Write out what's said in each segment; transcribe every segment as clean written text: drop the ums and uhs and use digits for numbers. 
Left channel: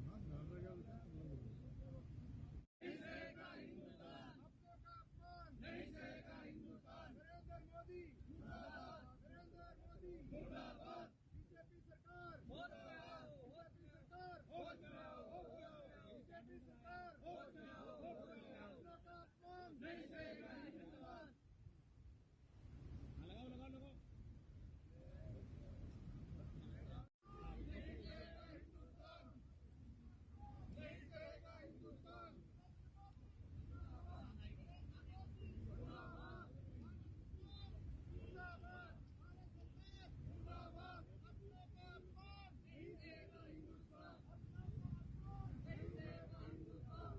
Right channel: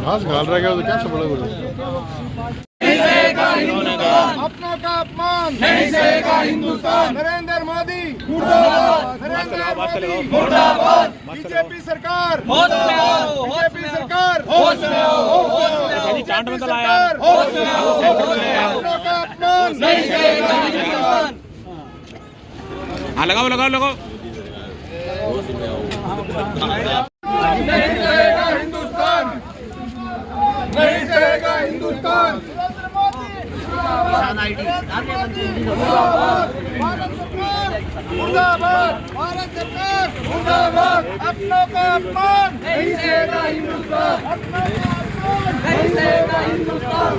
घास घाल रहा है तो क्या सब लोग अपनों का अपमान नहीं सहेगा हिंदुस्तान। नरेंद्र मोदी मुर्दाबाद, नरेंद्र मोदी मुर्दाबाद। बीजेपी सरकार होश में आओ, बीजेपी सरकार होश में आओ, चांट में तो लाया होश में आओ। अपनों का अपमान नहीं सहेगा हिंदुस्तान। हाँ लगाओ लगाओ लगाओ। नहीं सहेगा हिंदुस्तान, नहीं सहेगा हिंदुस्तान। मुर्दाबाद, भारत सरकार मुर्दाबाद। अपनों का अपमान नहीं सहेगा हिंदुस्तान, अपनों का अपमान नहीं सहेगा हिंदुस्तान।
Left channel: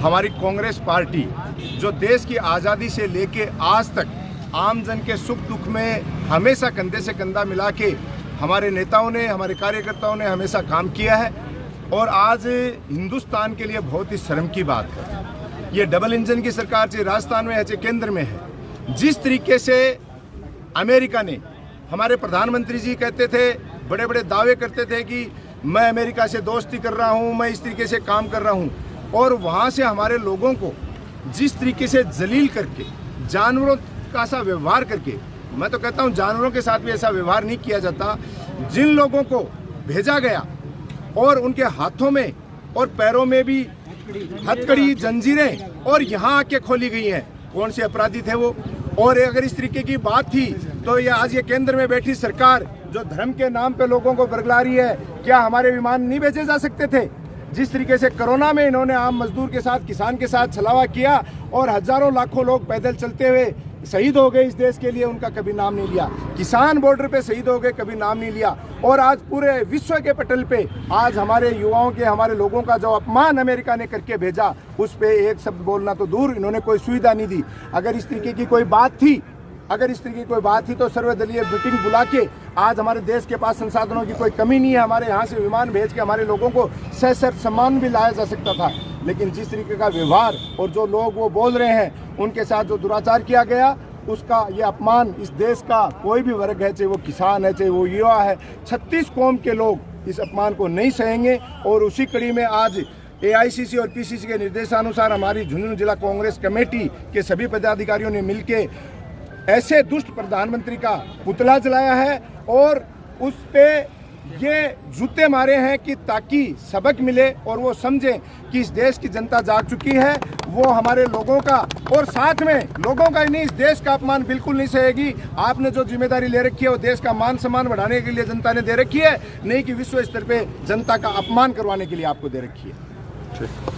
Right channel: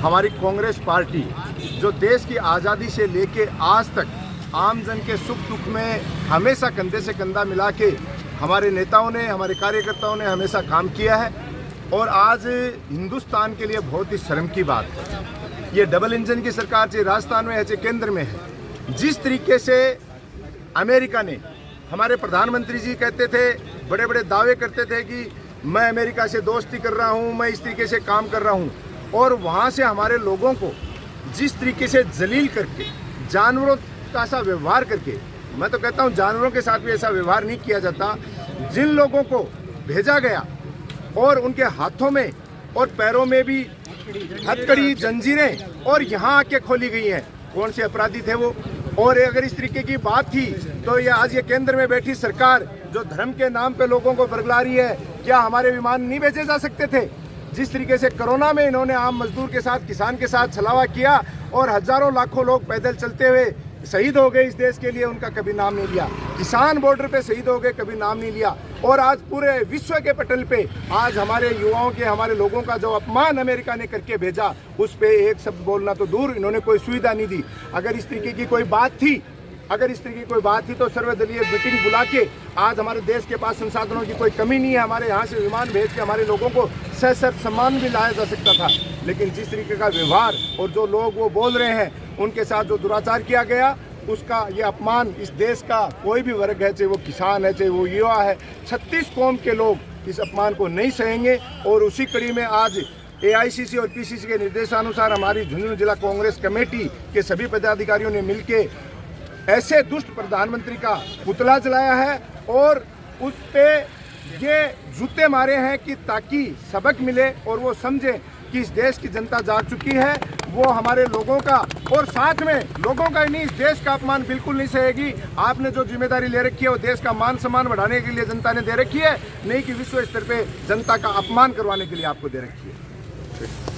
हमारी कांग्रेस पार्टी जो देश की आज़ादी से लेके आज तक आम जन के सुख दुख में हमेशा कंधे से कंधा मिला के हमारे नेताओं ने, हमारे कार्यकर्ताओं ने हमेशा काम किया है। और आज हिंदुस्तान के लिए बहुत ही शर्म की बात है, ये डबल इंजन की सरकार चाहे राजस्थान में है चाहे केंद्र में है। जिस तरीके से अमेरिका ने, हमारे प्रधानमंत्री जी कहते थे, बड़े बड़े दावे करते थे कि मैं अमेरिका से दोस्ती कर रहा हूँ, मैं इस तरीके से काम कर रहा हूँ, और वहाँ से हमारे लोगों को जिस तरीके से जलील करके, जानवरों का सा व्यवहार करके, मैं तो कहता हूँ जानवरों के साथ भी ऐसा व्यवहार नहीं किया जाता। जिन लोगों को भेजा गया और उनके हाथों में और पैरों में भी हथकड़ी, जंजीरें और यहाँ आके खोली गई हैं, कौन से अपराधी थे वो? और अगर इस तरीके की बात थी तो ये आज ये केंद्र में बैठी सरकार जो धर्म के नाम पे लोगों को बरगला रही है, क्या हमारे विमान नहीं भेजे जा सकते थे? जिस तरीके से कोरोना में इन्होंने आम मजदूर के साथ, किसान के साथ छलावा किया और हजारों लाखों लोग पैदल चलते हुए शहीद हो गए इस देश के लिए, उनका कभी नाम नहीं लिया। किसान बॉर्डर पे शहीद हो गए, कभी नाम नहीं लिया। और आज पूरे विश्व के पटल पे आज हमारे युवाओं के, हमारे लोगों का जो अपमान अमेरिका ने करके भेजा, उस पे एक शब्द बोलना तो दूर, इन्होंने कोई सुविधा नहीं दी। अगर इस तरीके की कोई बात थी, तो सर्वदलीय मीटिंग बुला के, आज हमारे देश के पास संसाधनों की कोई कमी नहीं है, हमारे यहाँ से विमान भेज के हमारे लोगों को सशर्त सम्मान भी लाया जा सकता था। लेकिन जिस तरीके का व्यवहार और जो लोग वो बोल रहे हैं, उनके साथ जो दुराचार किया गया, उसका ये अपमान इस देश का कोई भी वर्ग है, चाहे वो किसान है, चाहे वो युवा है, 36 कौम के लोग इस अपमान को नहीं सहेंगे। और उसी कड़ी में आज AICC और PCC के निर्देशानुसार हमारी झुंझुनू जिला कांग्रेस कमेटी के सभी पदाधिकारियों ने मिलकर ऐसे दुष्ट प्रधानमंत्री का पुतला जलाया है और उस पे ये जूते मारे हैं कि ताकि सबक मिले और वो समझे कि इस देश की जनता जाग चुकी है, वो हमारे लोगों का और साथ में लोगों का ही नहीं, इस देश का अपमान बिल्कुल नहीं सहेगी। आपने जो जिम्मेदारी ले रखी है वो देश का मान सम्मान बढ़ाने के लिए जनता ने दे रखी है, नहीं कि विश्व स्तर पे जनता का अपमान करवाने के लिए आपको दे रखी है।